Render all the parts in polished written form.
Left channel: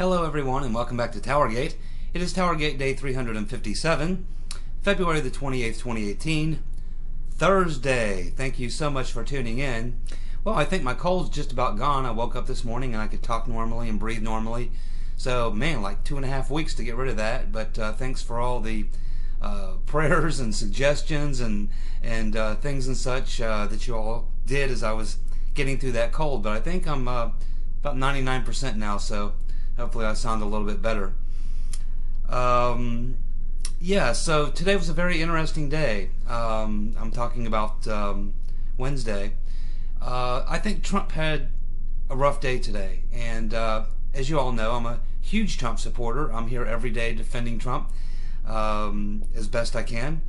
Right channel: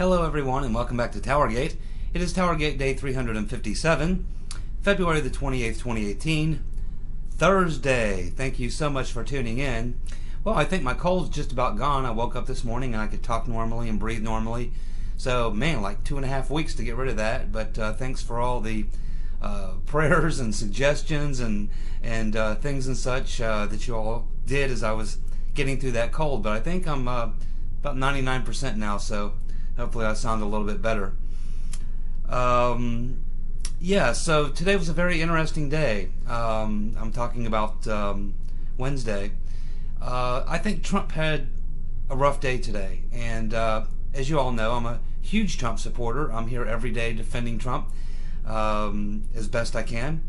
Hello everyone and welcome back to TowerGate. It is TowerGate day 357, February the 28th, 2018, Thursday. Thank you so much for tuning in. Well, I think my cold's just about gone. I woke up this morning and I could talk normally and breathe normally. So, man, like 2.5 weeks to get rid of that. But thanks for all the prayers and suggestions and things and such that you all did as I was getting through that cold. But I think I'm about 99% now, so hopefully I sound a little bit better. Yeah, so today was a very interesting day. I'm talking about Wednesday. I think Trump had a rough day today, and as you all know, I'm a huge Trump supporter. I'm here every day defending Trump as best I can,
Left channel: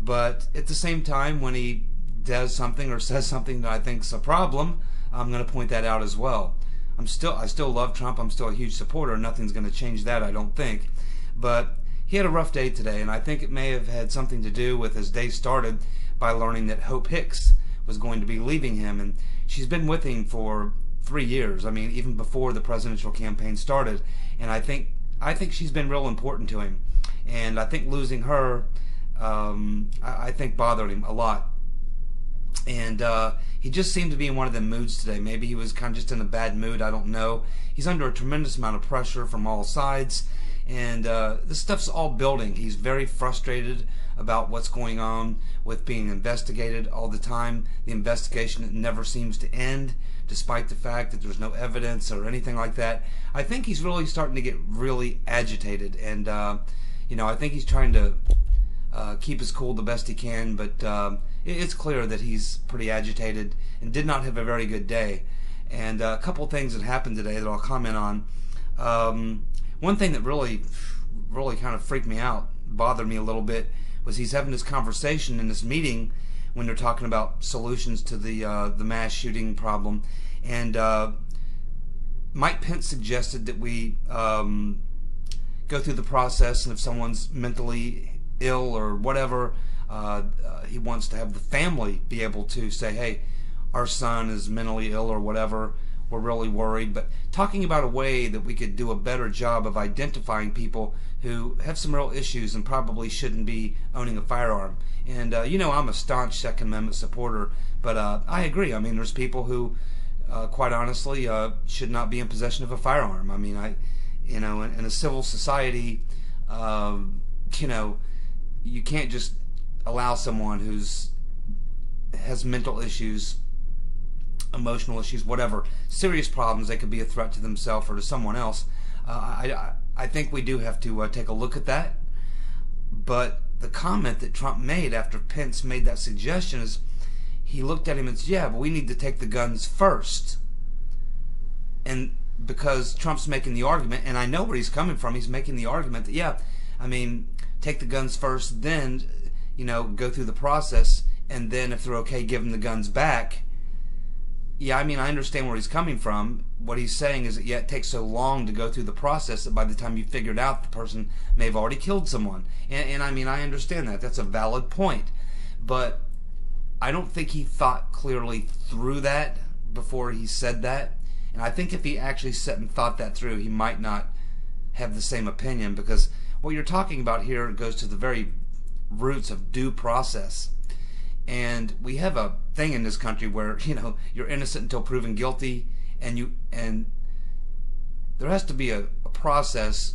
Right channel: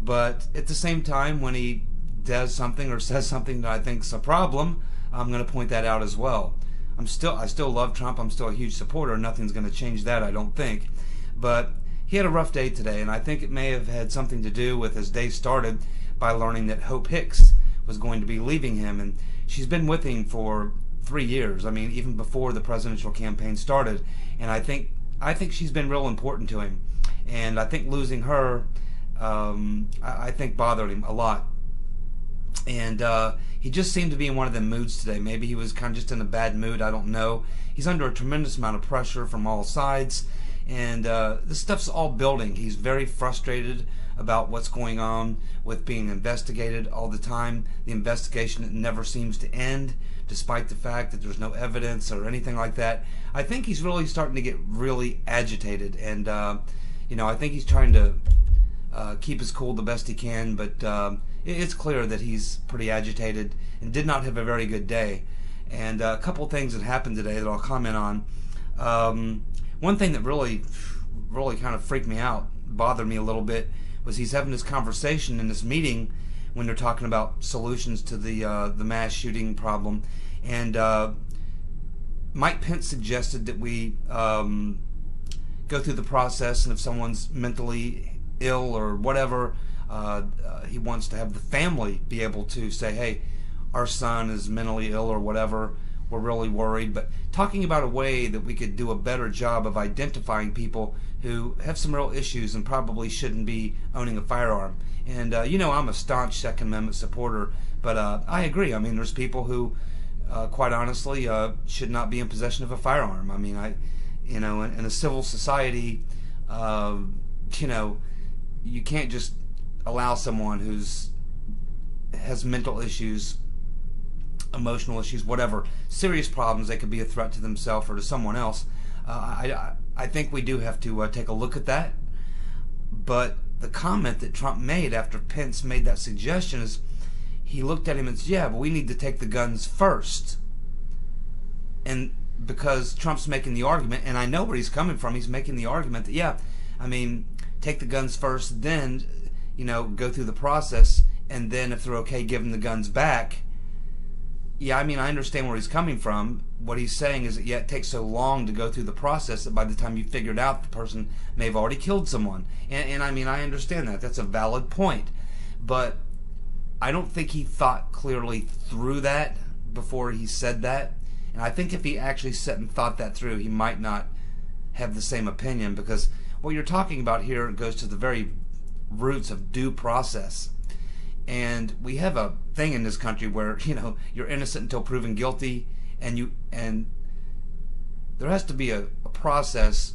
but at the same time, when he does something or says something that I think is a problem, I'm going to point that out as well. I still love Trump. I'm still a huge supporter. Nothing's going to change that, I don't think. But he had a rough day today, and I think it may have had something to do with his day started by learning that Hope Hicks was going to be leaving him, and she's been with him for 3 years. I mean, even before the presidential campaign started, and I think she's been real important to him, and I think losing her, I think bothered him a lot. And he just seemed to be in one of them moods today. Maybe he was kind of just in a bad mood. I don't know. He's under a tremendous amount of pressure from all sides, and this stuff's all building. He's very frustrated about what's going on with being investigated all the time. The investigation never seems to end, despite the fact that there's no evidence or anything like that. I think he's really starting to get really agitated, and I think he's trying to keep his cool the best he can, but it's clear that he's pretty agitated and did not have a very good day. And a couple things that happened today that I'll comment on. One thing that really kind of freaked me out, bothered me a little bit, was he's having this conversation in this meeting when they're talking about solutions to the mass shooting problem. And Mike Pence suggested that we go through the process, and if someone's mentally ill or whatever, he wants to have the family be able to say, hey, our son is mentally ill or whatever, we're really worried. But talking about a way that we could do a better job of identifying people who have some real issues and probably shouldn't be owning a firearm. And I'm a staunch Second Amendment supporter, but I agree. I mean, there's people who quite honestly should not be in possession of a firearm. I mean, in a civil society, you can't just allow someone has mental issues, emotional issues, whatever, serious problems. They could be a threat to themselves or to someone else. I think we do have to take a look at that. But the comment that Trump made after Pence made that suggestion is, he looked at him and said, yeah, but we need to take the guns first. And because Trump's making the argument, and I know where he's coming from, he's making the argument that, yeah, I mean, take the guns first, then go through the process, and then if they're okay, give them the guns back. Yeah, I mean, I understand where he's coming from. What he's saying is that, yeah, it takes so long to go through the process that by the time you figured out, the person may have already killed someone. And I mean, I understand that. That's a valid point. But I don't think he thought clearly through that before he said that. And I think if he actually sat and thought that through, he might not have the same opinion, because what you're talking about here goes to the very roots of due process. And we have a thing in this country where you're innocent until proven guilty, and there has to be a process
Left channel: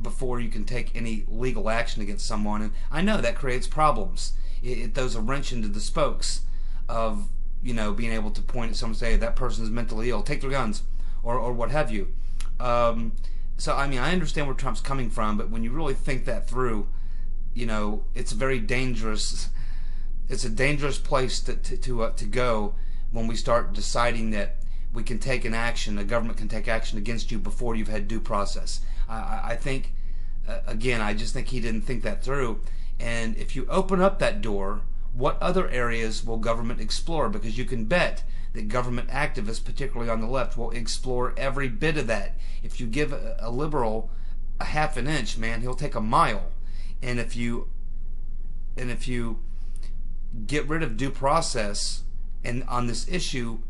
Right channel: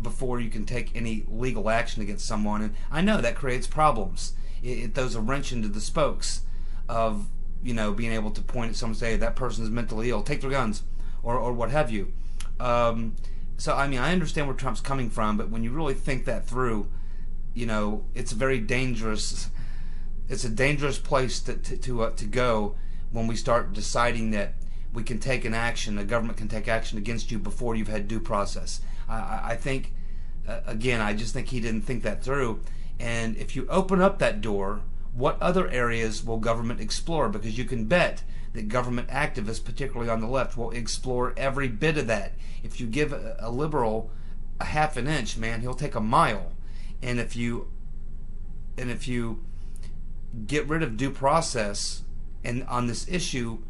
before you can take any legal action against someone. And I know that creates problems. It throws a wrench into the spokes of being able to point at someone and say, that person is mentally ill, take their guns, or what have you. So I mean, I understand where Trump's coming from, but when you really think that through, it's a very dangerous. It's a dangerous place to go when we start deciding that we can take an action, the government can take action against you before you've had due process. I think, again, I just think he didn't think that through. And if you open up that door, what other areas will government explore? Because you can bet that government activists, particularly on the left, will explore every bit of that. If you give a liberal a half an inch, man, he'll take a mile. And if you get rid of due process and on this issue,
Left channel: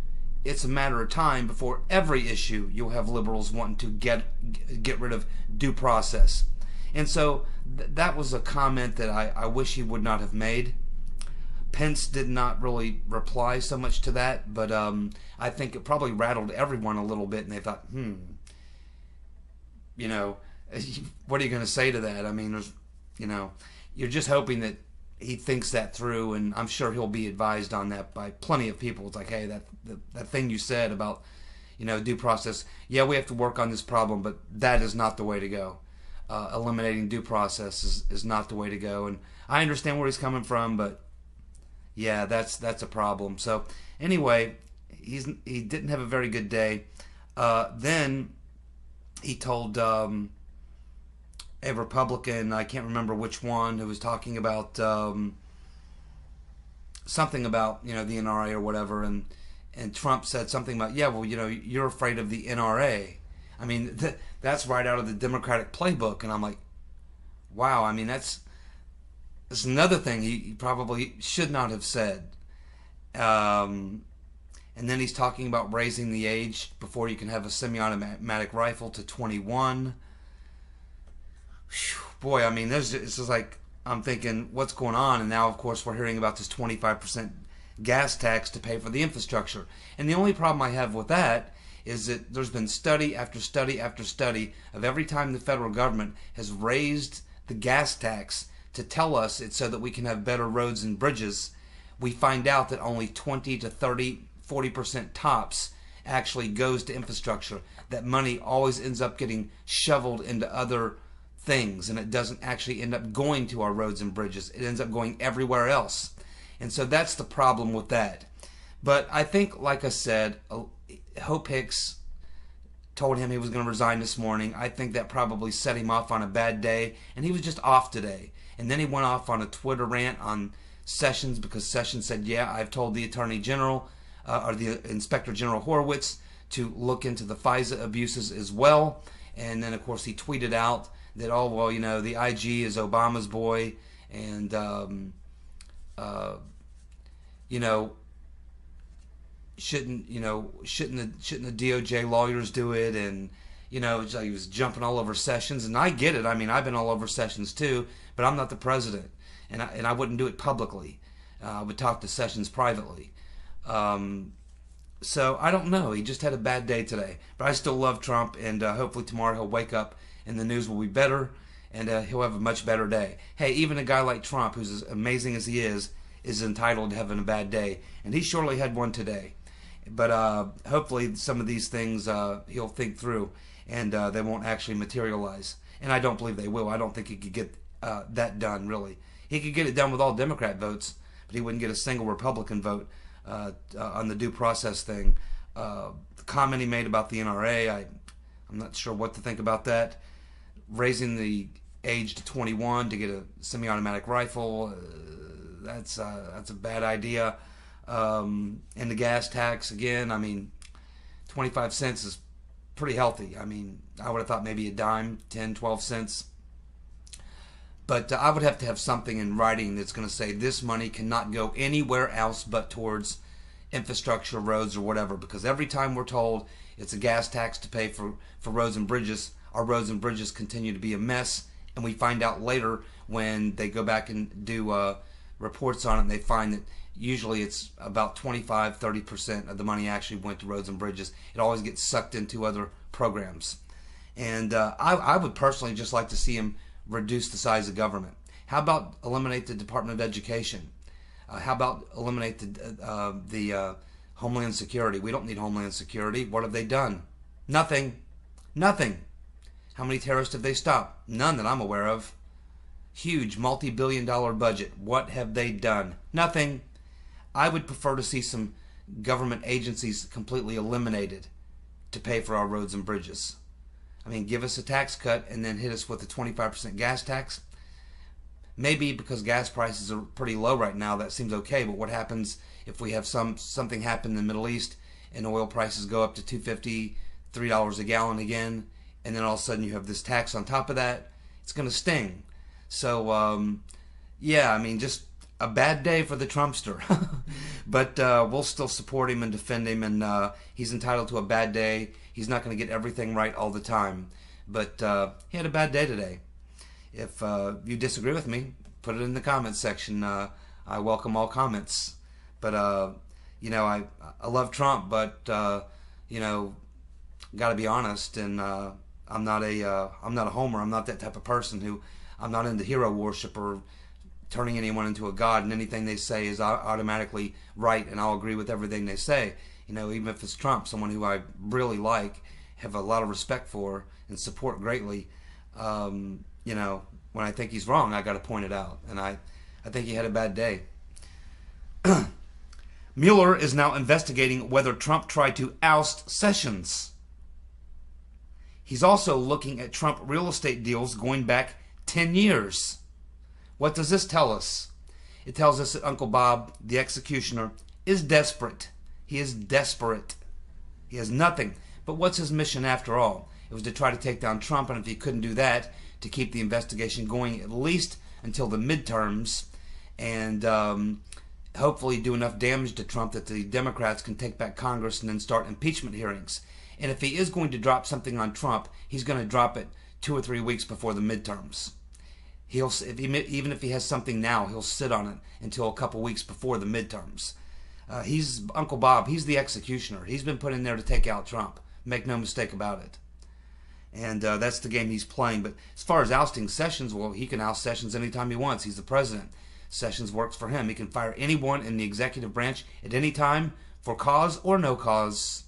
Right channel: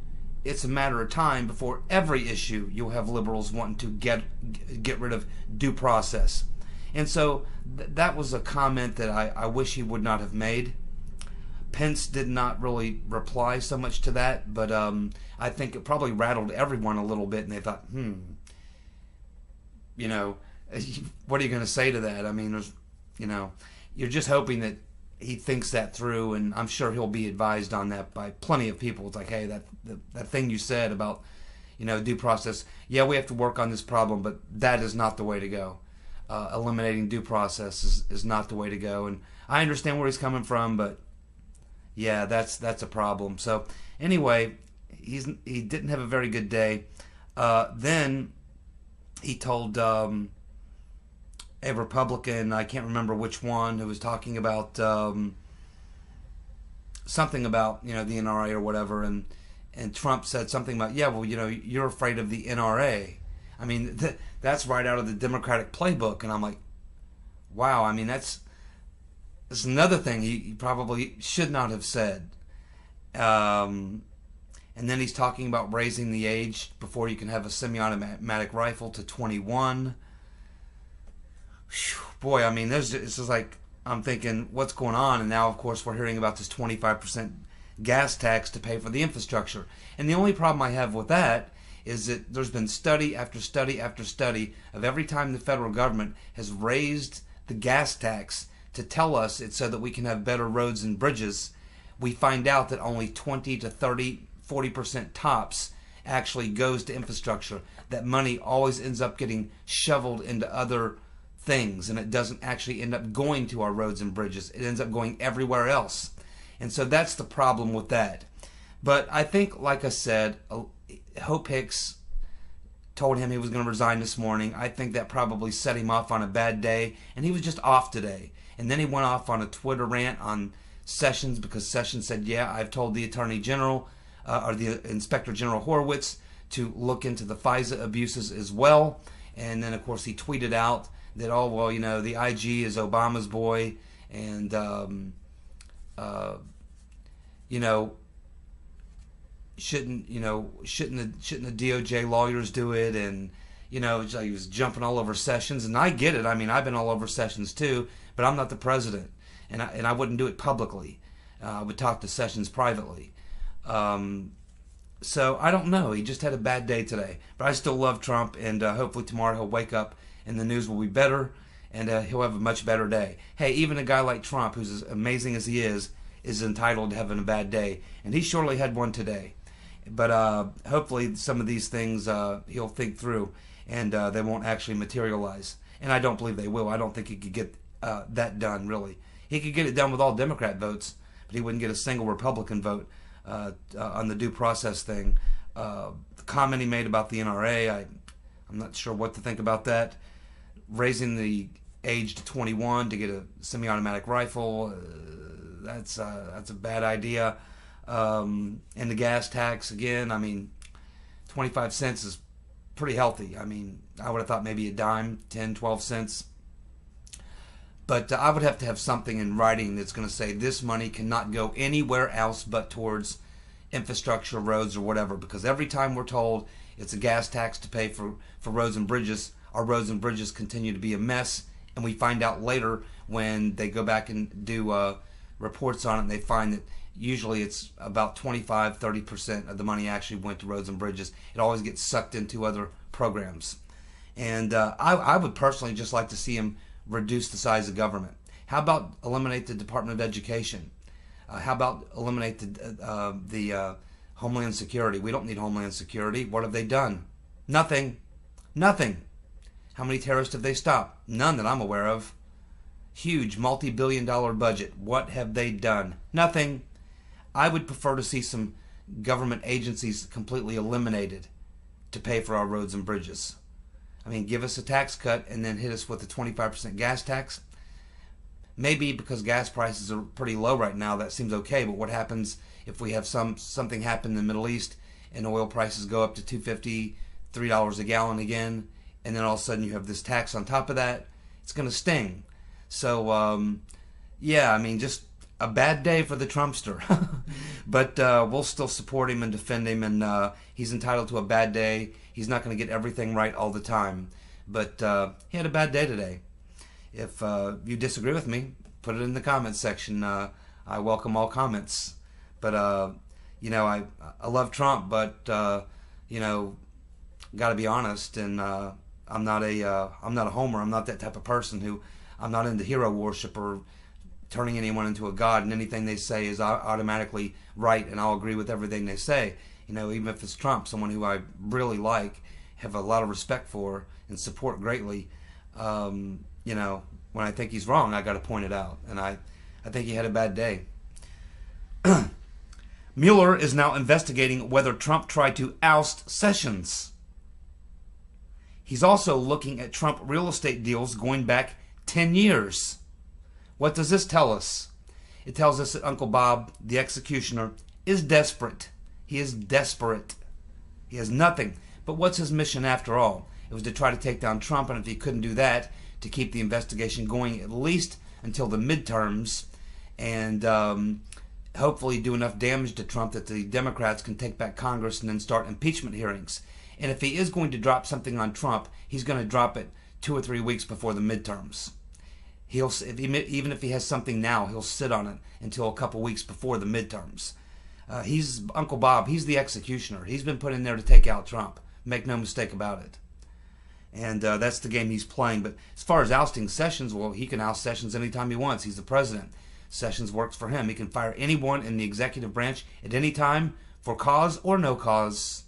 it's a matter of time before every issue you'll have liberals wanting to get rid of due process. And so that was a comment that I wish he would not have made. Pence did not really reply so much to that, but I think it probably rattled everyone a little bit, and they thought, you know, what are you going to say to that? I mean, there's, you know, you're just hoping that he thinks that through, and I'm sure he'll be advised on that by plenty of people. It's like, hey, that thing you said about, you know, due process, yeah, we have to work on this problem, but that is not the way to go. Eliminating due process is not the way to go, and I understand where he's coming from, but yeah, that's a problem. So anyway, he didn't have a very good day. Then he told a Republican, I can't remember which one, who was talking about something about, you know, the NRA or whatever, and Trump said something about, yeah, well, you know, you're afraid of the NRA. I mean, that's right out of the Democratic playbook, and I'm like, wow. I mean, that's another thing he probably should not have said. And then he's talking about raising the age before you can have a semi-automatic rifle to 21. Whew, boy, I mean, this is like, I'm thinking, what's going on? And now, of course, we're hearing about this 25% gas tax to pay for the infrastructure. And the only problem I have with that is that there's been study after study after study of every time the federal government has raised the gas tax to tell us it's so that we can have better roads and bridges, we find out that only 20 to 30, 40% tops actually goes to infrastructure. That money always ends up getting shoveled into other things, and it doesn't actually end up going to our roads and bridges. It ends up going everywhere else. And so that's the problem with that. But I think, like I said, Hope Hicks told him he was going to resign this morning. I think that probably set him off on a bad day, and he was just off today. And then he went off on a Twitter rant on Sessions, because Sessions said, yeah, I've told the Attorney General or the Inspector General Horowitz to look into the FISA abuses as well. And then, of course, he tweeted out that, oh, well, you know, the IG is Obama's boy, and, you know, shouldn't the DOJ lawyers do it? And, you know, he was jumping all over Sessions, and I get it. I mean, I've been all over Sessions too, but I'm not the president, and I wouldn't do it publicly. I would talk to Sessions privately. So I don't know. He just had a bad day today, but I still love Trump, and hopefully tomorrow he'll wake up and the news will be better, and he'll have a much better day. Hey, even a guy like Trump, who's as amazing as he is entitled to having a bad day, and he surely had one today. But hopefully some of these things he'll think through, and they won't actually materialize. And I don't believe they will. I don't think he could get that done, really. He could get it done with all Democrat votes, but he wouldn't get a single Republican vote on the due process thing. The comment he made about the NRA, I'm not sure what to think about that. Raising the age to 21 to get a semi-automatic rifle, that's a bad idea. And the gas tax, again, I mean, 25 cents is pretty healthy. I mean, I would have thought maybe a dime, 10, 12 cents. But I would have to have something in writing that's going to say this money cannot go anywhere else but towards infrastructure, roads, or whatever. Because every time we're told it's a gas tax to pay for roads and bridges, our roads and bridges continue to be a mess. And we find out later when they go back and do reports on it, and they find that usually it's about 25, 30% of the money actually went to roads and bridges. It always gets sucked into other programs. And I would personally just like to see him reduce the size of government. How about eliminate the Department of Education? How about eliminate the Homeland Security? We don't need Homeland Security. What have they done? Nothing. Nothing. How many terrorists have they stopped? None that I'm aware of. Huge multi-billion-dollar budget. What have they done? Nothing. I would prefer to see some government agencies completely eliminated to pay for our roads and bridges. I mean, give us a tax cut and then hit us with a 25% gas tax. Maybe because gas prices are pretty low right now, that seems okay. But what happens if we have something happen in the Middle East and oil prices go up to $2.50, $3 a gallon again, and then all of a sudden you have this tax on top of that? It's going to sting. So, yeah, I mean, just a bad day for the Trumpster. But we'll still support him and defend him, and he's entitled to a bad day. He's not going to get everything right all the time. But he had a bad day today. If you disagree with me, put it in the comments section. I welcome all comments. But, you know, I love Trump, but, you know, got to be honest, and I'm not a homer. I'm not that type of person who, I'm not into hero worship or turning anyone into a god, and anything they say is automatically right, and I'll agree with everything they say. You know, even if it's Trump, someone who I really like, have a lot of respect for, and support greatly, you know, when I think he's wrong, I got to point it out, and I think he had a bad day. Mueller is now investigating whether Trump tried to oust Sessions. He's also looking at Trump real estate deals going back 10 years. What does this tell us? It tells us that Uncle Bob, the executioner, is desperate. He is desperate. He has nothing. But what's his mission after all? It was to try to take down Trump, and if he couldn't do that, to keep the investigation going at least until the midterms, and hopefully do enough damage to Trump that the Democrats can take back Congress and then start impeachment hearings. And if he is going to drop something on Trump, he's going to drop it 2 or 3 weeks before the midterms. Even if he has something now, he'll sit on it until a couple weeks before the midterms. He's Uncle Bob. He's the executioner. He's been put in there to take out Trump. Make no mistake about it. And that's the game he's playing. But as far as ousting Sessions, well, he can oust Sessions anytime he wants. He's the president. Sessions works for him. He can fire anyone in the executive branch at any time for cause or no cause.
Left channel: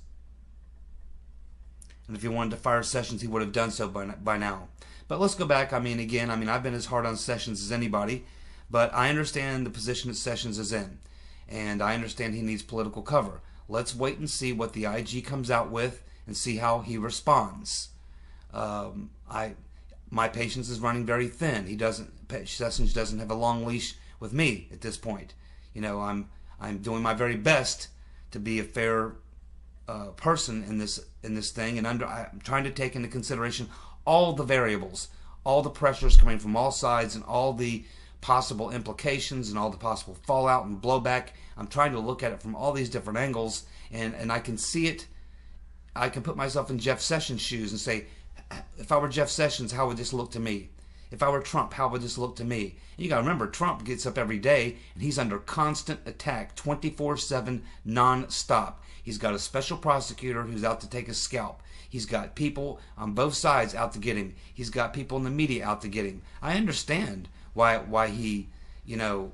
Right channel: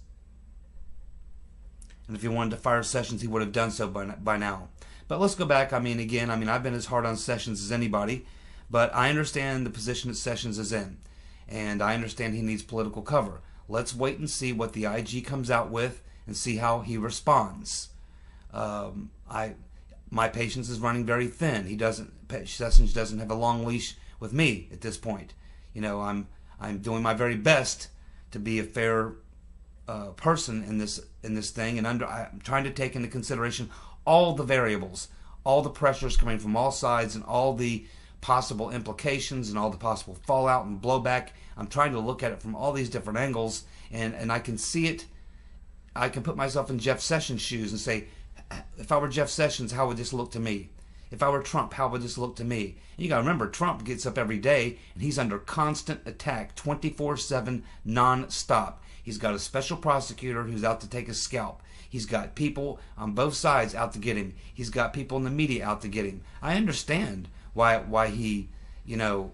And if he wanted to fire Sessions, he would have done so by now. But let's go back. I've been as hard on Sessions as anybody, but I understand the position that Sessions is in, and I understand he needs political cover. Let's wait and see what the IG comes out with and see how he responds. My patience is running very thin. Sessions doesn't have a long leash with me at this point. You know, I'm doing my very best to be a fair person in this thing, and I'm trying to take into consideration all the variables, all the pressures coming from all sides, and all the possible implications and all the possible fallout and blowback. I'm trying to look at it from all these different angles, and I can see it. I can put myself in Jeff Sessions' shoes and say, if I were Jeff Sessions, how would this look to me? If I were Trump, how would this look to me? And you got to remember, Trump gets up every day, and he's under constant attack, 24/7, non-stop. He's got a special prosecutor who's out to take his scalp. He's got people on both sides out to get him. He's got people in the media out to get him. I understand why he, you know,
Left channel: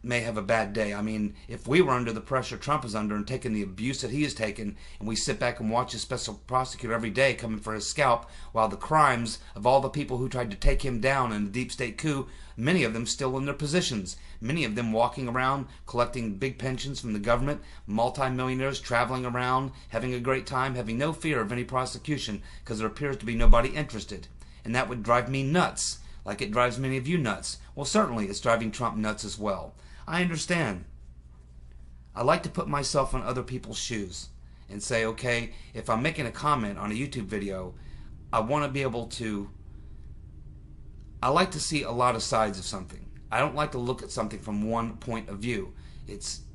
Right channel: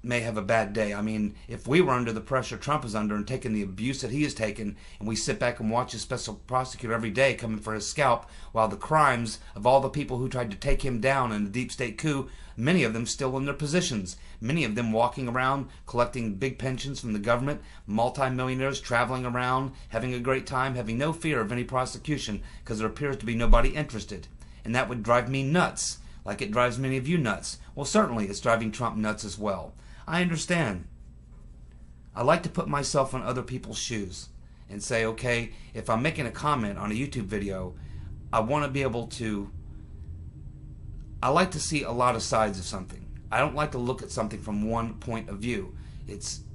may have a bad day. I mean, if we were under the pressure Trump is under and taking the abuse that he has taken, and we sit back and watch his special prosecutor every day coming for his scalp, while the crimes of all the people who tried to take him down in the deep state coup, many of them still in their positions, many of them walking around collecting big pensions from the government, multimillionaires traveling around, having a great time, having no fear of any prosecution because there appears to be nobody interested. And that would drive me nuts, like it drives many of you nuts. Well, certainly it's driving Trump nuts as well. I understand. I like to put myself in other people's shoes and say, okay, if I'm making a comment on a YouTube video, I want to be able to, I like to see a lot of sides of something. I don't like to look at something from one point of view.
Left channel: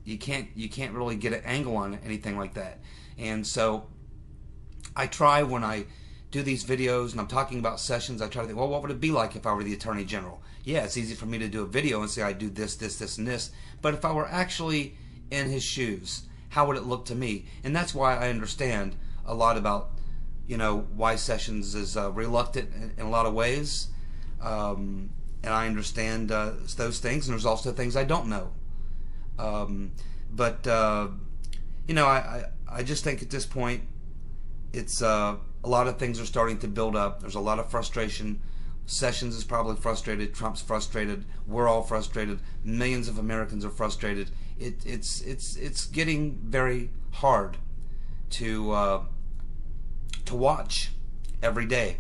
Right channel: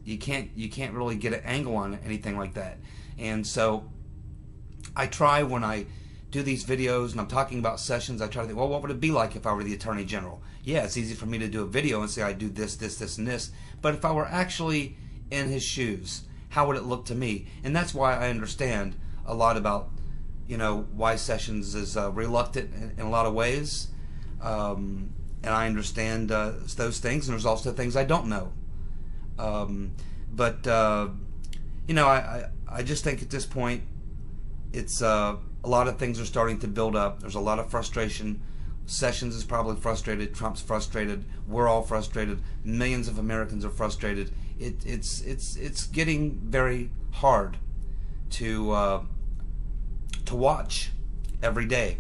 You can't really get an angle on anything like that. And so I try, when I do these videos and I'm talking about Sessions, I try to think, well, what would it be like if I were the Attorney General? Yeah, it's easy for me to do a video and say I do this, this, this, and this. But if I were actually in his shoes, how would it look to me? And that's why I understand a lot about, you know, why Sessions is reluctant in a lot of ways. And I understand those things, and there's also things I don't know. You know, I just think at this point, it's a lot of things are starting to build up. There's a lot of frustration. Sessions is probably frustrated. Trump's frustrated. We're all frustrated. Millions of Americans are frustrated. It's getting very hard to watch every day.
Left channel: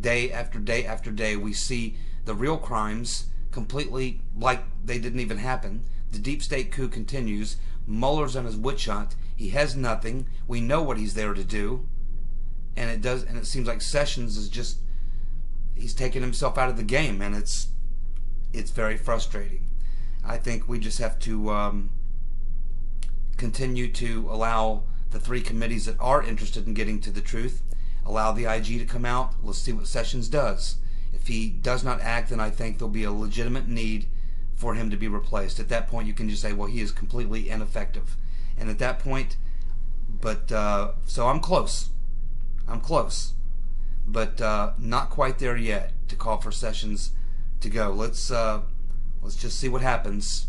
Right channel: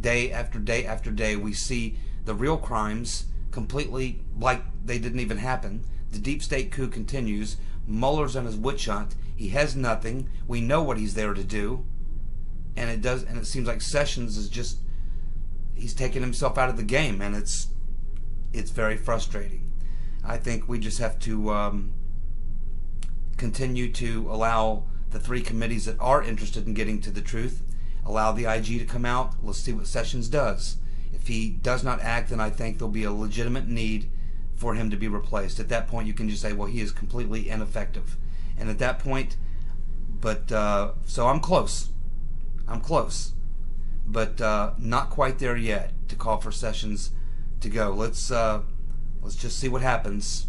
Day after day after day, we see the real crimes completely like they didn't even happen. The deep state coup continues. Mueller's on his witch hunt. He has nothing. We know what he's there to do. And it seems like Sessions is just, he's taken himself out of the game, and it's very frustrating. I think we just have to continue to allow the three committees that are interested in getting to the truth, allow the IG to come out. Let's see what Sessions does. If he does not act, then I think there'll be a legitimate need for him to be replaced. At that point, you can just say, well, he is completely ineffective. And at that point, so I'm close. I'm close. But not quite there yet to call for Sessions to go. Let's just see what happens.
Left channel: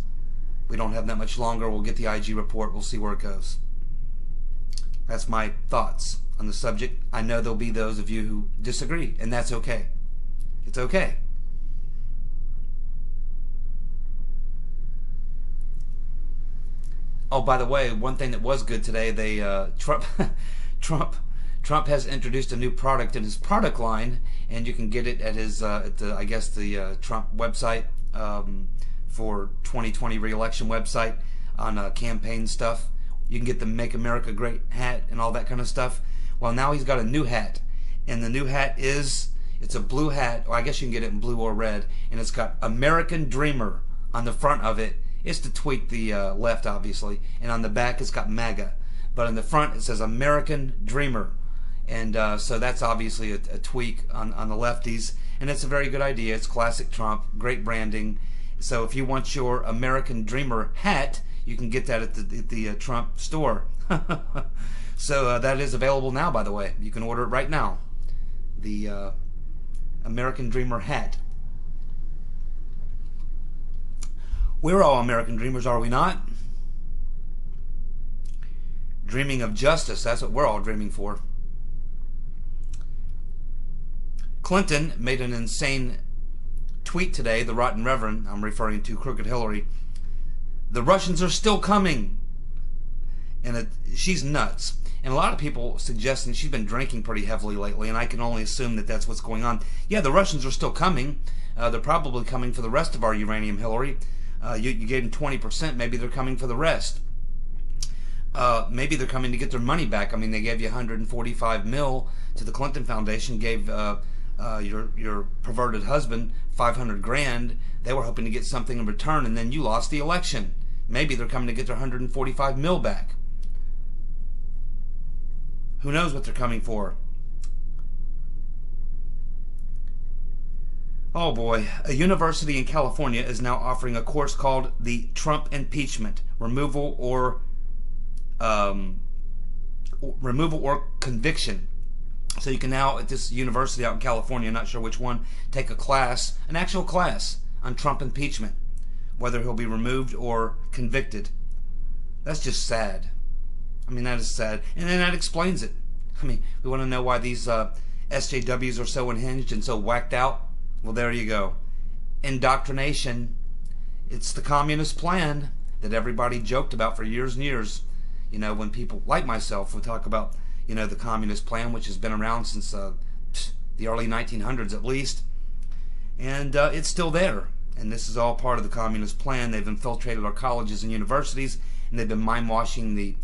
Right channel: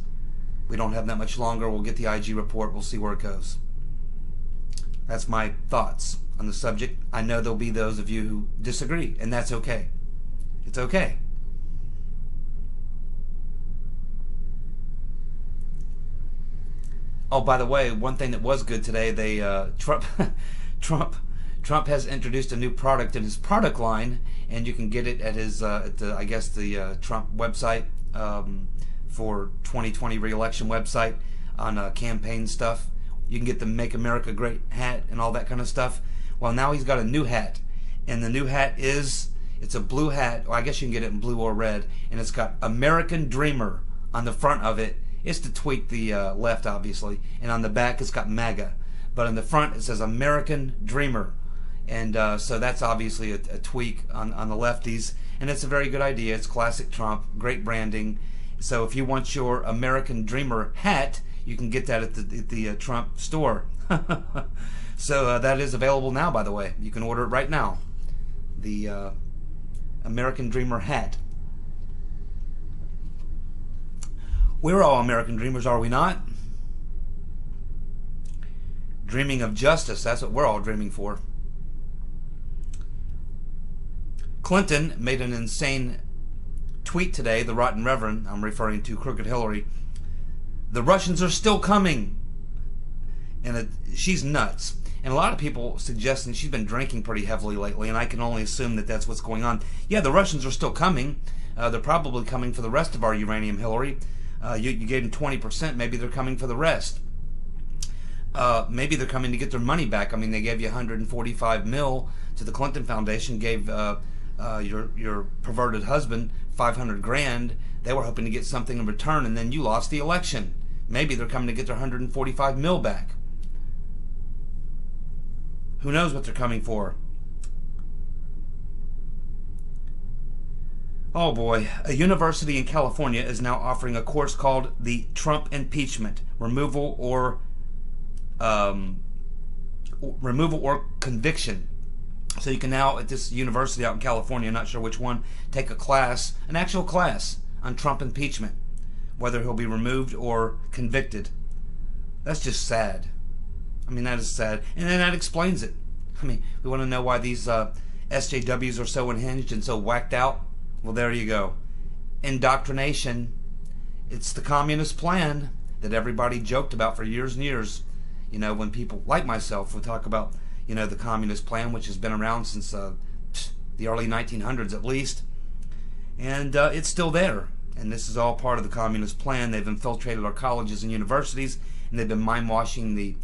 We don't have that much longer. We'll get the IG report. We'll see where it goes. That's my thoughts on the subject. I know there'll be those of you who disagree, and that's okay. It's okay. Oh, by the way, one thing that was good today, Trump has introduced a new product in his product line, and you can get it at his I guess the Trump website for 2020 re-election website on campaign stuff. You can get the Make America Great hat and all that kind of stuff. Well, now he's got a new hat, and the new hat it's a blue hat. Well, I guess you can get it in blue or red, and it's got American Dreamer on the front of it. It's to tweak the left, obviously, and on the back it's got MAGA, but in the front it says American Dreamer, and so that's obviously a tweak on the lefties, and it's a very good idea. It's classic Trump, great branding. So if you want your American Dreamer hat, you can get that at the Trump store. So that is available now, by the way. You can order it right now. The American Dreamer hat. We're all American dreamers, are we not? Dreaming of justice, that's what we're all dreaming for. Clinton made an insane tweet today, the Rotten Reverend, I'm referring to Crooked Hillary. The Russians are still coming. And she's nuts. And a lot of people suggesting she's been drinking pretty heavily lately, and I can only assume that that's what's going on. Yeah, the Russians are still coming. They're probably coming for the rest of our uranium, Hillary. You gave them 20%. Maybe they're coming for the rest. Maybe they're coming to get their money back. I mean, they gave you 145 mil to the Clinton Foundation, gave your perverted husband 500 grand. They were hoping to get something in return, and then you lost the election. Maybe they're coming to get their 145 mil back. Who knows what they're coming for? Oh boy. A university in California is now offering a course called the Trump Impeachment, Removal or Conviction. So you can now, at this university out in California, not sure which one, take a class, an actual class on Trump impeachment, whether he'll be removed or convicted. That's just sad. I mean, that is sad. And then that explains it. I mean, we want to know why these SJWs are so unhinged and so whacked out. Well, there you go. Indoctrination. It's the communist plan that everybody joked about for years and years. You know, when people like myself would talk about, you know, the communist plan, which has been around since the early 1900s at least. And it's still there. And this is all part of the communist plan. They've infiltrated our colleges and universities, and they've been mind-washing the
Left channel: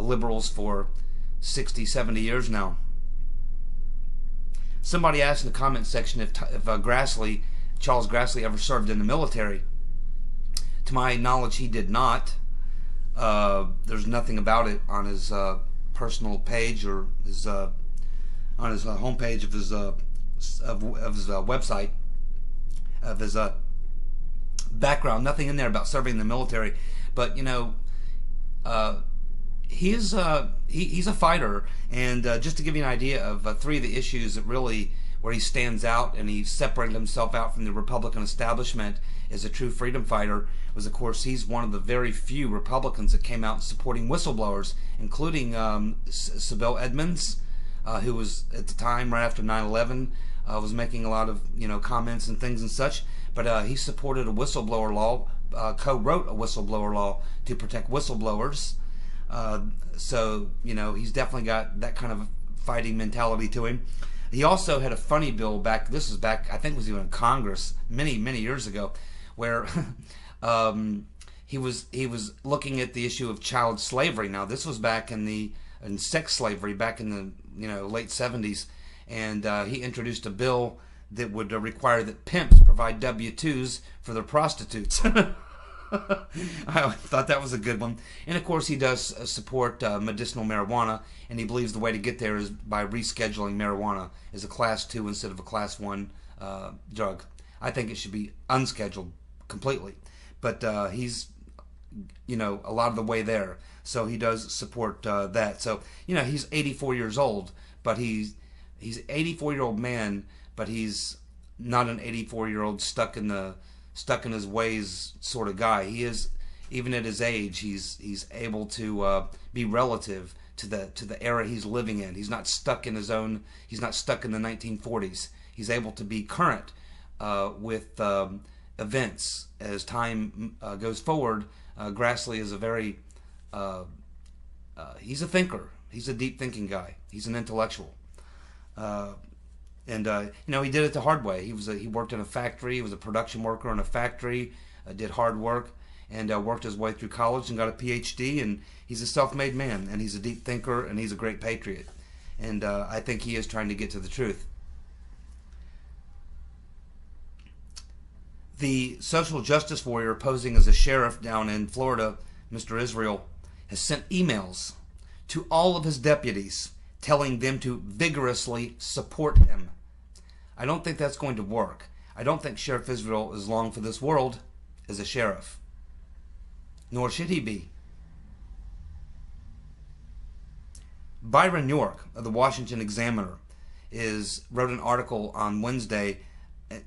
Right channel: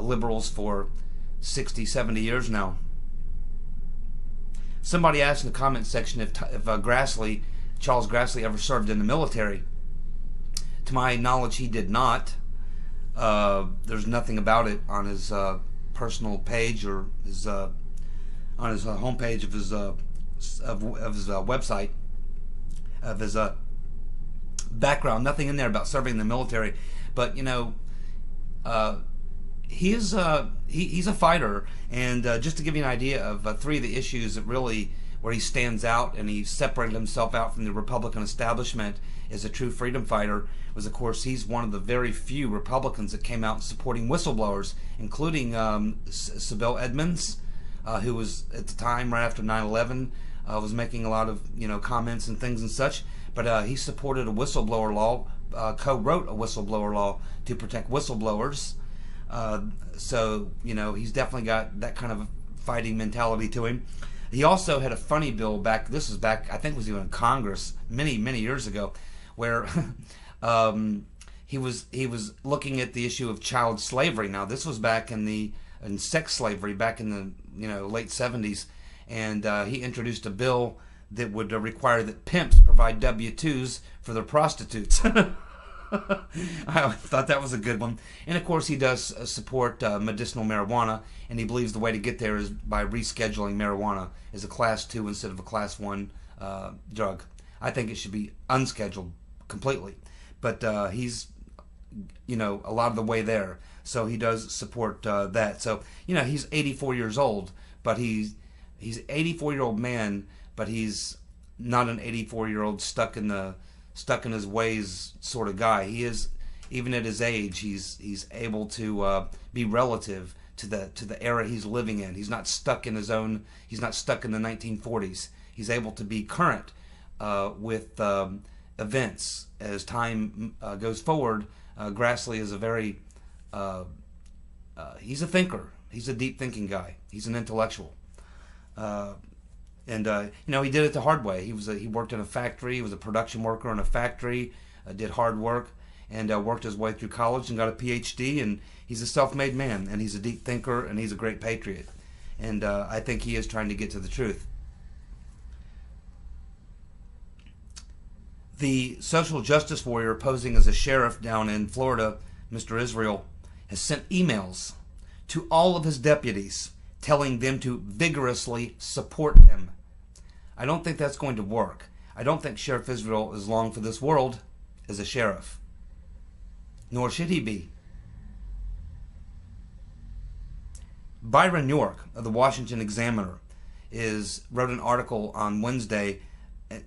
liberals for 60, 70 years now. Somebody asked in the comment section if Charles Grassley ever served in the military. To my knowledge, he did not. There's nothing about it on his personal page or his on his homepage of his website, of his background. Nothing in there about serving in the military. But you know, he's a fighter, and just to give you an idea of three of the issues that really where he stands out and he separated himself out from the Republican establishment as a true freedom fighter was, of course, he's one of the very few Republicans that came out supporting whistleblowers, including Sybil Edmonds, who was at the time right after 9/11 was making a lot of comments and things and such. But he supported a whistleblower law, co-wrote a whistleblower law to protect whistleblowers. So he's definitely got that kind of fighting mentality to him. He also had a funny bill back. This was back, I think, it was even in Congress many years ago, where he was looking at the issue of child slavery. Now this was back in sex slavery back in the late 70s, and he introduced a bill that would require that pimps provide W-2s for their prostitutes. I thought that was a good one. And of course, he does support medicinal marijuana, and he believes the way to get there is by rescheduling marijuana as a class 2 instead of a class 1 drug. I think it should be unscheduled completely. But he's, a lot of the way there. So he does support that. So, he's 84 years old, but he's 84-year-old man, but he's not an 84-year-old stuck in his ways sort of guy. He is, even at his age, he's able to be relative to the era he's living in. He's not stuck in he's not stuck in the 1940s. He's able to be current with events as time goes forward. Grassley is a very he's a thinker. He's a deep thinking guy. He's an intellectual. And he did it the hard way. He worked in a factory. He was a production worker in a factory. Did hard work and worked his way through college and got a PhD. And he's a self-made man. And he's a deep thinker. And he's a great patriot. And I think he is trying to get to the truth. The social justice warrior posing as a sheriff down in Florida, Mr. Israel, has sent emails to all of his deputies telling them to vigorously support him. I don't think that's going to work. I don't think Sheriff Israel is long for this world as a sheriff. Nor should he be. Byron York of the Washington Examiner wrote an article on Wednesday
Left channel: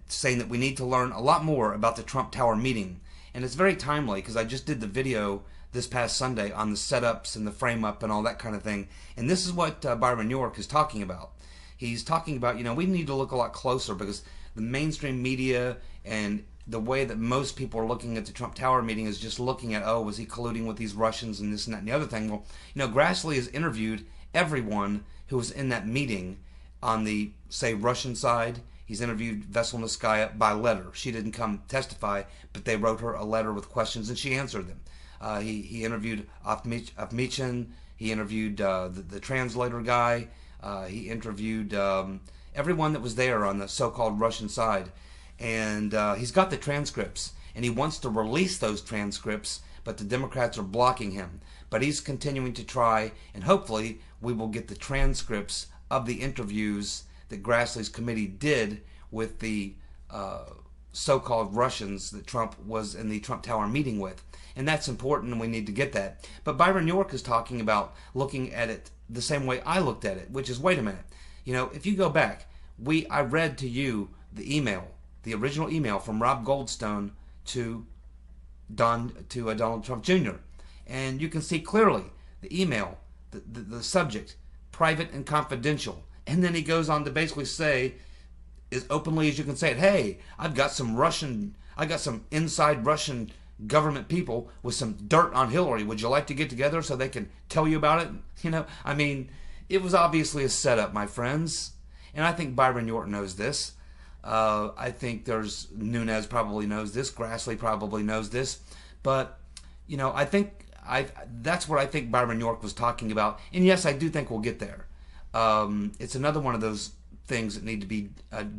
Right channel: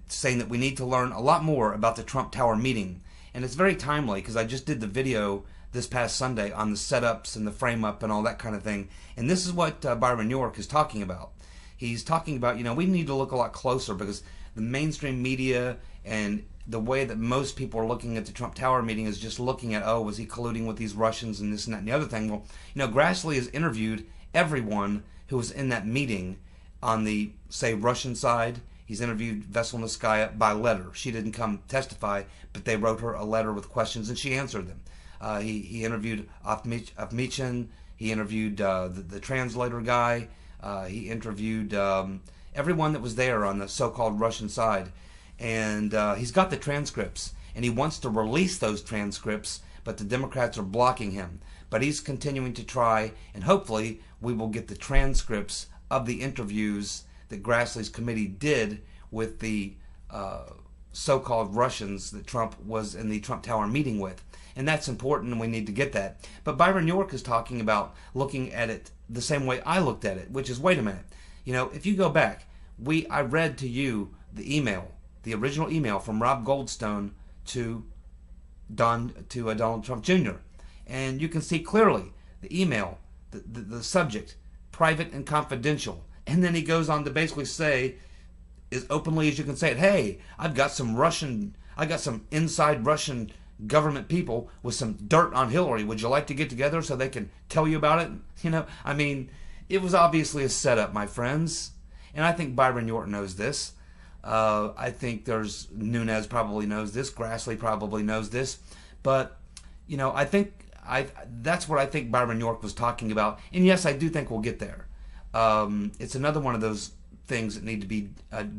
saying that we need to learn a lot more about the Trump Tower meeting. And it's very timely because I just did the video this past Sunday on the setups and the frame up and all that kind of thing. And this is what Byron York is talking about. He's talking about, we need to look a lot closer because the mainstream media and the way that most people are looking at the Trump Tower meeting is just looking at, was he colluding with these Russians and this and that and the other thing. Well, Grassley has interviewed everyone who was in that meeting on the, say, Russian side. He's interviewed Veselnitskaya by letter. She didn't come testify, but they wrote her a letter with questions, and she answered them. He interviewed Avmichin. He interviewed the translator guy. He interviewed everyone that was there on the so-called Russian side. And he's got the transcripts, and he wants to release those transcripts, but the Democrats are blocking him. But he's continuing to try, and hopefully we will get the transcripts of the interviews that Grassley's committee did with the so-called Russians that Trump was in the Trump Tower meeting with. And that's important, and we need to get that. But Byron York is talking about looking at it the same way I looked at it, which is, wait a minute. If you go back, I read to you the original email from Rob Goldstone to Donald Trump Jr. And you can see clearly the email, the subject, private and confidential. And then he goes on to basically say, as openly as you can say it, hey, I got some inside Russian government people with some dirt on Hillary. Would you like to get together so they can tell you about it? It was obviously a setup, my friends. And I think Byron York knows this. I think Nunes probably knows this. Grassley probably knows this. But, I think that's what I think Byron York was talking about. And yes, I do think we'll get there. It's another one of those things that need to be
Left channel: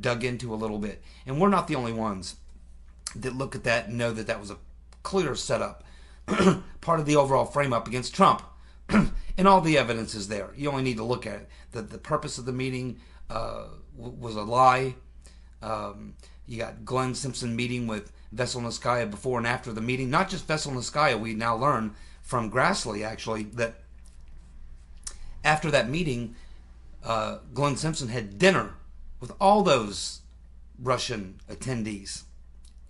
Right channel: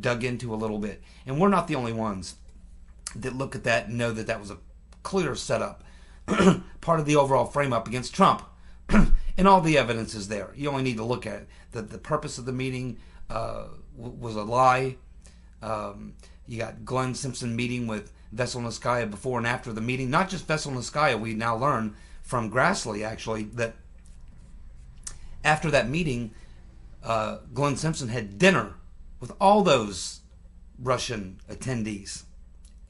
dug into a little bit. And we're not the only ones that look at that and know that that was a clear setup, part of the overall frame-up against Trump. And all the evidence is there. You only need to look at it. The purpose of the meeting was a lie. You got Glenn Simpson meeting with Veselnitskaya before and after the meeting. Not just Veselnitskaya, we now learn from Grassley, actually, that after that meeting, Glenn Simpson had dinner with all those Russian attendees.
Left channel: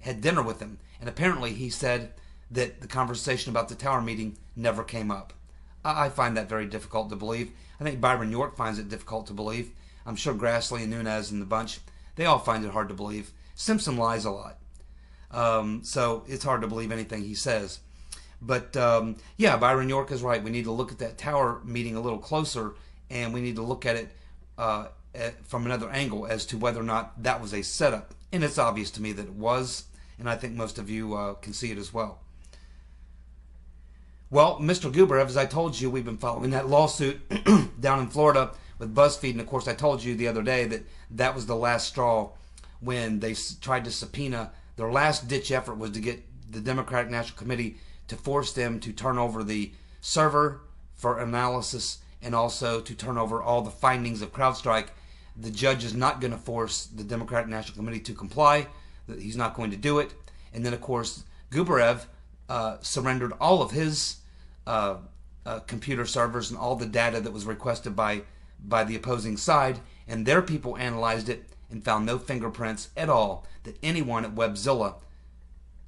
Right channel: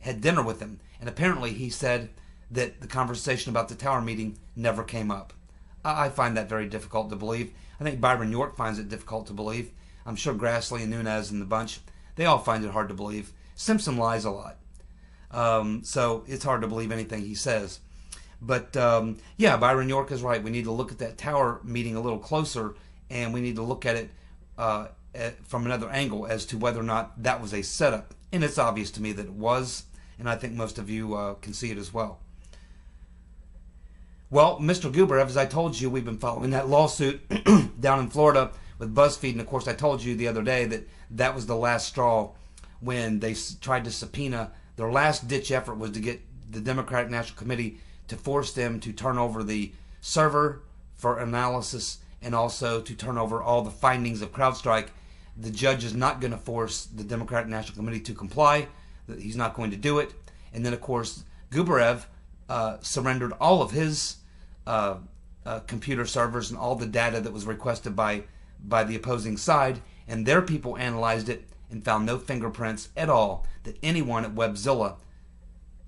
Had dinner with them. And apparently he said that the conversation about the Tower meeting never came up. I find that very difficult to believe. I think Byron York finds it difficult to believe. I'm sure Grassley and Nunes and the bunch, they all find it hard to believe. Simpson lies a lot. So it's hard to believe anything he says. But yeah, Byron York is right. We need to look at that Tower meeting a little closer, and we need to look at it from another angle as to whether or not that was a setup. And it's obvious to me that it was, and I think most of you can see it as well. Well, Mr. Gubarev, as I told you, we've been following that lawsuit down in Florida with BuzzFeed, and of course I told you the other day that that was the last straw when they tried to subpoena. Their last-ditch effort was to get the Democratic National Committee to force them to turn over the server for analysis and also to turn over all the findings of CrowdStrike. The judge is not going to force the Democratic National Committee to comply. He's not going to do it. And then, of course, Gubarev surrendered all of his computer servers and all the data that was requested by the opposing side, and their people analyzed it and found no fingerprints at all that anyone at Webzilla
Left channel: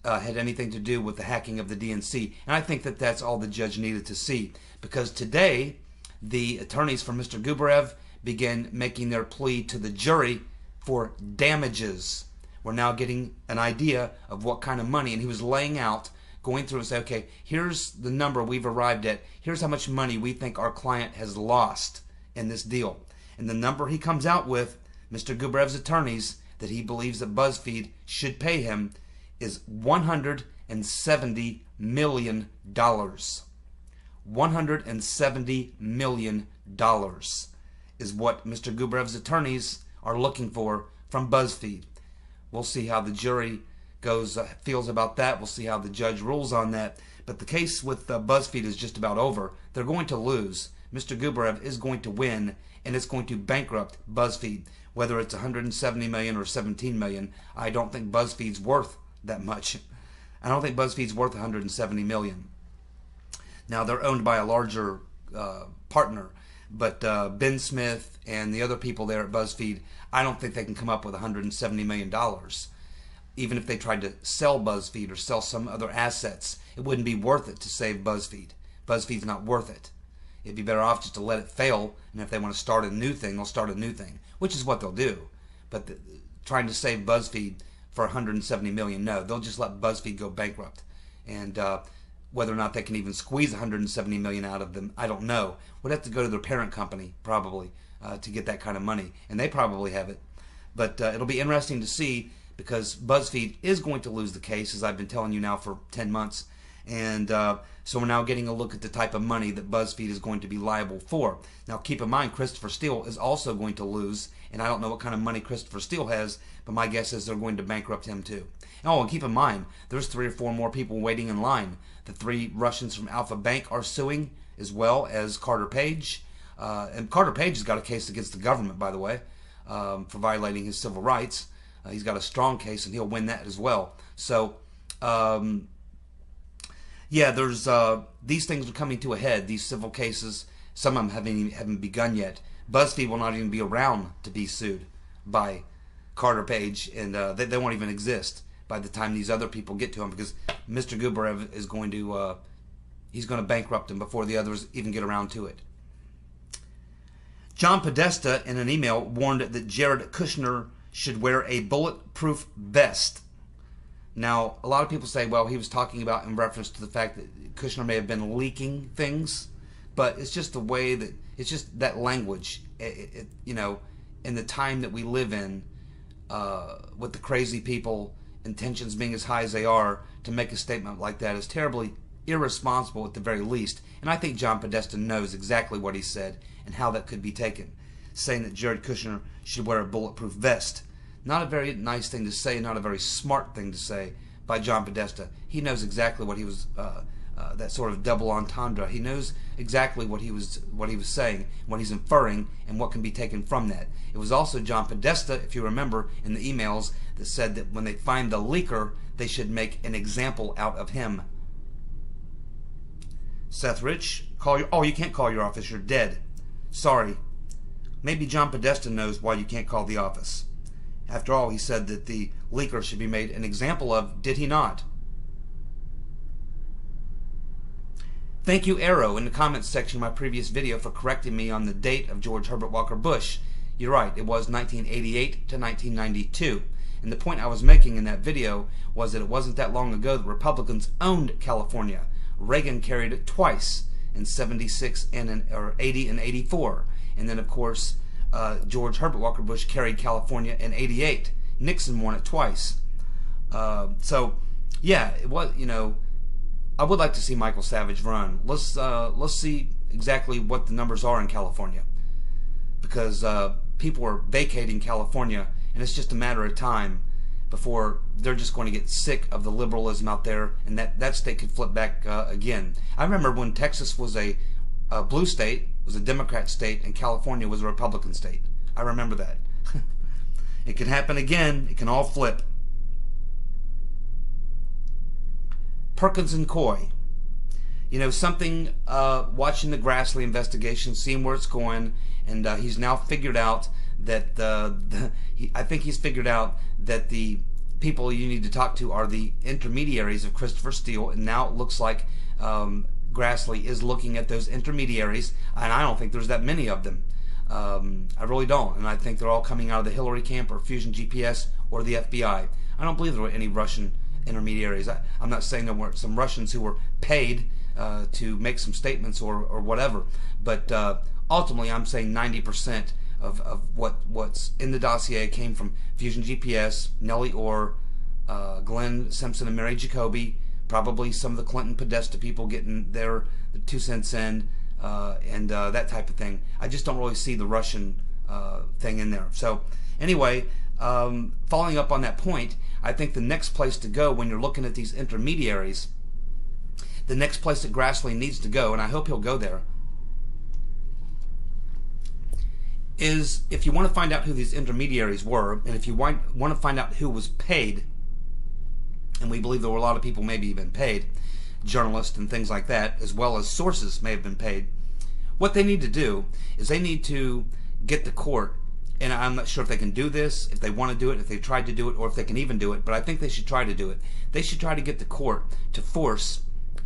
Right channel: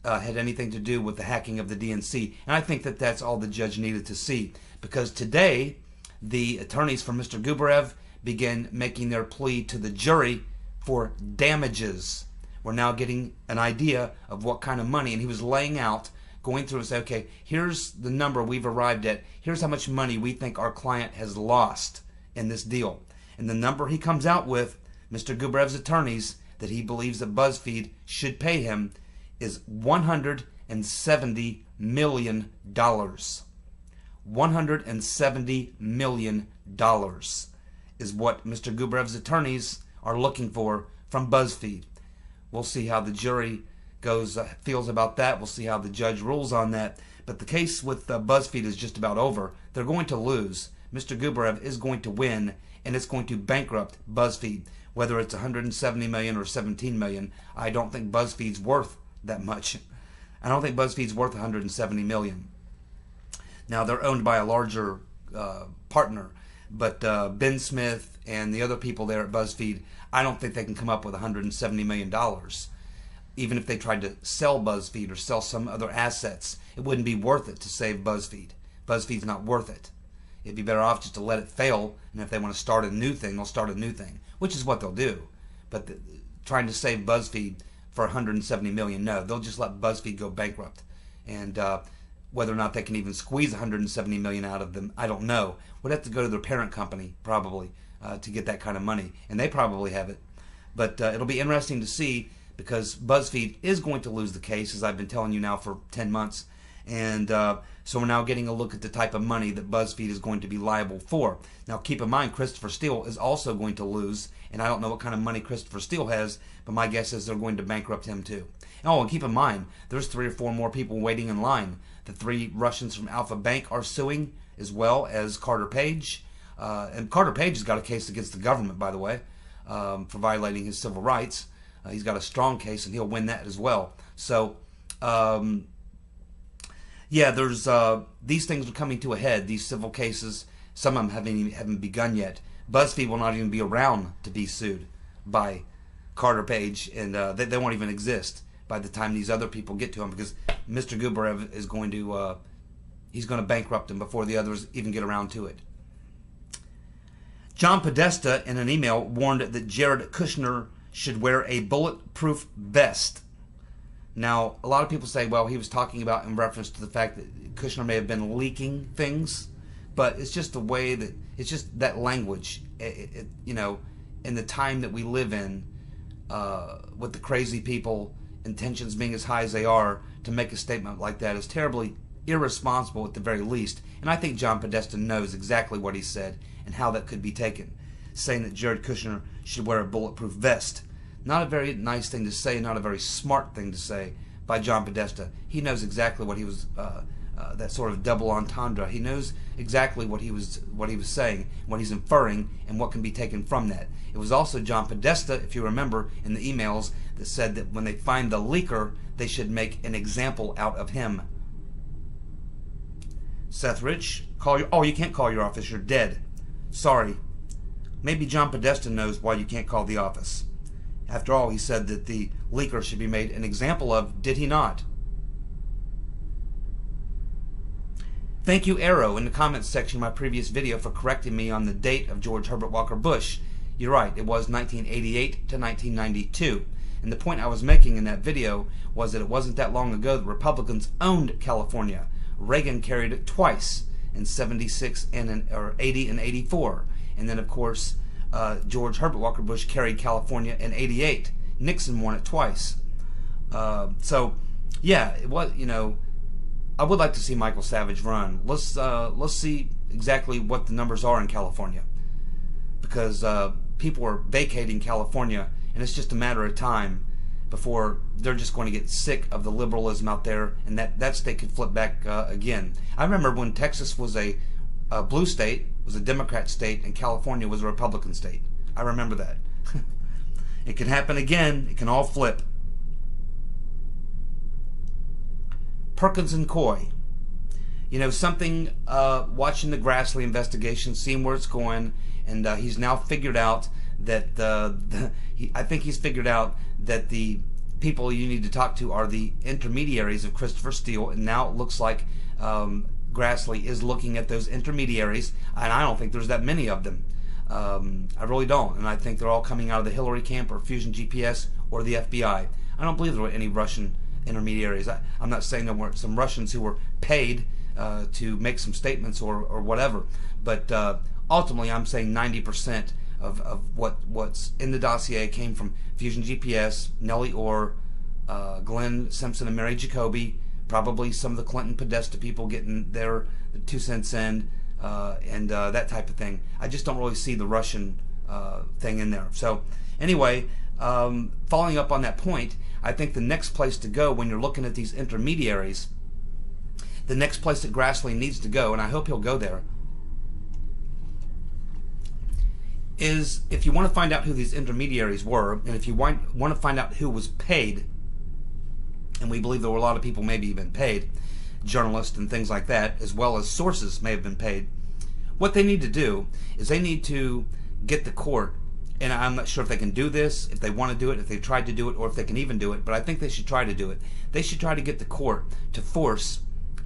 had anything to do with the hacking of the DNC. And I think that that's all the judge needed to see, because today the attorneys for Mr. Gubarev began making their plea to the jury for damages. We're now getting an idea of what kind of money, and he was laying out, going through and say, okay, here's the number we've arrived at, here's how much money we think our client has lost in this deal. And the number he comes out with, Mr. Gubarev's attorneys, that he believes that BuzzFeed should pay him is $170 million. $170 million is what Mr. Gubarev's attorneys are looking for from BuzzFeed. We'll see how the jury feels about that. We'll see how the judge rules on that. But the case with BuzzFeed is just about over. They're going to lose. Mr. Gubarev is going to win, and it's going to bankrupt BuzzFeed. Whether it's $170 million or $17 million, I don't think BuzzFeed's worth that much. I don't think BuzzFeed's worth $170 million. Now, they're owned by a larger partner, but Ben Smith and the other people there at BuzzFeed, I don't think they can come up with $170 million. Even if they tried to sell BuzzFeed or sell some other assets, it wouldn't be worth it to save BuzzFeed. BuzzFeed's not worth it. It'd be better off just to let it fail, and if they want to start a new thing, they'll start a new thing, which is what they'll do. But trying to save BuzzFeed for $170 million, no. They'll just let BuzzFeed go bankrupt. And whether or not they can even squeeze $170 million out of them, I don't know. Would have to go to their parent company, probably, to get that kind of money. And they probably have it. But it'll be interesting to see, because BuzzFeed is going to lose the case, as I've been telling you now for 10 months. And so we're now getting a look at the type of money that BuzzFeed is going to be liable for. Now, keep in mind, Christopher Steele is also going to lose, and I don't know what kind of money Christopher Steele has, but my guess is they're going to bankrupt him too. Oh, and keep in mind, there's 3 or 4 more people waiting in line. The 3 Russians from Alpha Bank are suing, as well as Carter Page. And Carter Page has got a case against the government, by the way, for violating his civil rights. He's got a strong case, and he'll win that as well. So, yeah, there's these things are coming to a head. These civil cases, some of them haven't begun yet. BuzzFeed will not even be around to be sued by Carter Page, and they won't even exist by the time these other people get to him, because Mr. Gubarev is going to he's going to bankrupt him before the others even get around to it. John Podesta, in an email, warned that Jared Kushner should wear a bulletproof vest. Now, a lot of people say, well, he was talking about in reference to the fact that Kushner may have been leaking things, but it's just the way that, it's just that language, you know, in the time that we live in, with the crazy people, intentions being as high as they are, to make a statement like that is terribly irresponsible at the very least. And I think John Podesta knows exactly what he said and how that could be taken, saying that Jared Kushner should wear a bulletproof vest. Not a very nice thing to say, not a very smart thing to say by John Podesta. He knows exactly what he was, that sort of double entendre. He knows exactly what he was saying, what he's inferring, and what can be taken from that. It was also John Podesta, if you remember, in the emails that said that when they find the leaker, they should make an example out of him. Seth Rich, you can't call your office, you're dead. Sorry. Maybe John Podesta knows why you can't call the office. After all, he said that the leaker should be made an example of, did he not? Thank you, Arrow, in the comments section of my previous video for correcting me on the date of George Herbert Walker Bush. You're right, it was 1988 to 1992. And the point I was making in that video was that it wasn't that long ago that Republicans owned California. Reagan carried it twice, in 76 or 80 and 84. And then, of course, George Herbert Walker Bush carried California in 88. Nixon won it twice. So, yeah, it was, you know, I would like to see Michael Savage run. Let's see exactly what the numbers are in California, because people are vacating California, and it's just a matter of time before they're just going to get sick of the liberalism out there, and that state could flip back again. I remember when Texas was a blue state, was a Democrat state, and California was a Republican state. I remember that. It can happen again. It can all flip. Perkins and Coy. You know, something, watching the Grassley investigation, seeing where it's going, and he's now figured out that I think he's figured out that the people you need to talk to are the intermediaries of Christopher Steele, and now it looks like Grassley is looking at those intermediaries, and I don't think there's that many of them. I really don't, and I think they're all coming out of the Hillary camp or Fusion GPS or the FBI. I don't believe there were any Russian intermediaries. I'm not saying there weren't some Russians who were paid to make some statements or whatever, but ultimately I'm saying 90% of what's in the dossier came from Fusion GPS, Nellie Orr, Glenn Simpson and Mary Jacoby, probably some of the Clinton Podesta people getting their 2 cents in, and that type of thing. I just don't really see the Russian thing in there. So anyway, following up on that point, I think the next place to go when you're looking at these intermediaries, the next place that Grassley needs to go, and I hope he'll go there, is if you want to find out who these intermediaries were, and if you want to find out who was paid, and we believe there were a lot of people maybe even paid, journalists and things like that, as well as sources may have been paid, what they need to do is they need to get the court, and I'm not sure if they can do this, if they want to do it, if they tried to do it, or if they can even do it, but I think they should try to do it. They should try to get the court to force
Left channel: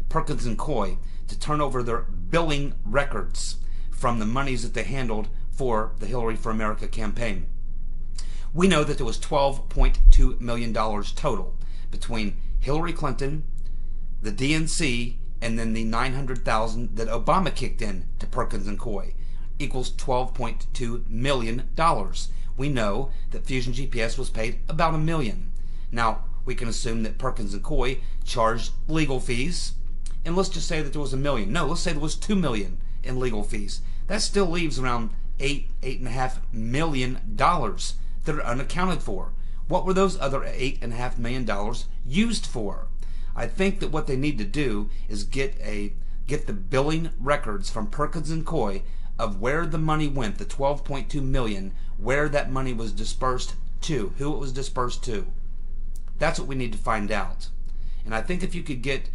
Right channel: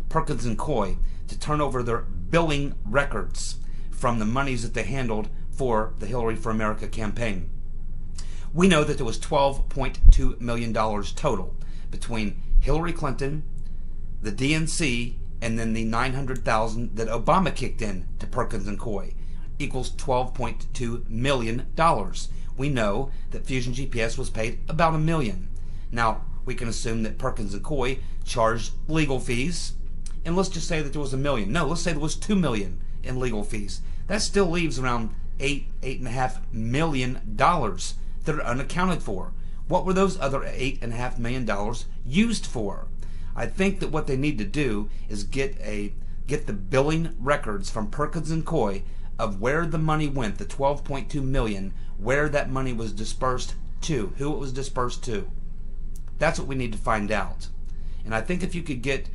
Perkins and Coy to turn over their billing records from the monies that they handled for the Hillary for America campaign. We know that there was $12.2 million total between Hillary Clinton, the DNC, and then the $900,000 that Obama kicked in to Perkins and Coy, equals $12.2 million. We know that Fusion GPS was paid about $1 million. Now, we can assume that Perkins and Coy charged legal fees, and let's just say that there was $1 million. No, let's say there was $2 million in legal fees. That still leaves around $8.5 million that are unaccounted for. What were those other $8.5 million used for? I think that what they need to do is get the billing records from Perkins and Coy of where the money went, the $12.2 million, where that money was dispersed to, who it was dispersed to. That's what we need to find out. And I think if you could get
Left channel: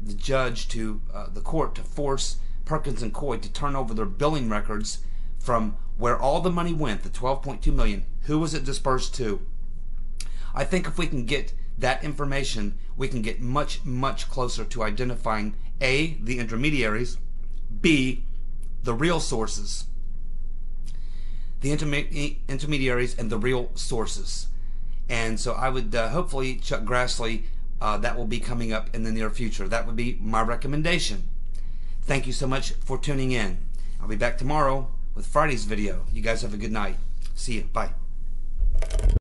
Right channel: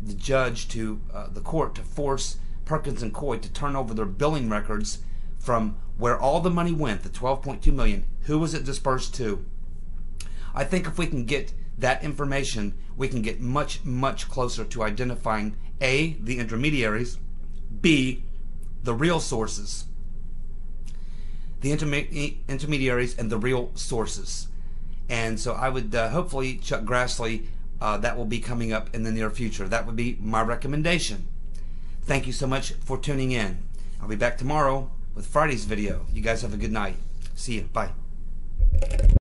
the judge to the court to force Perkins and Coy to turn over their billing records from where all the money went, the $12.2 million, who was it dispersed to? I think if we can get that information, we can get much, much closer to identifying A, the intermediaries, B, the real sources. The intermediaries and the real sources. And so I would hopefully, Chuck Grassley, that will be coming up in the near future. That would be my recommendation. Thank you so much for tuning in. I'll be back tomorrow with Friday's video. You guys have a good night. See you. Bye.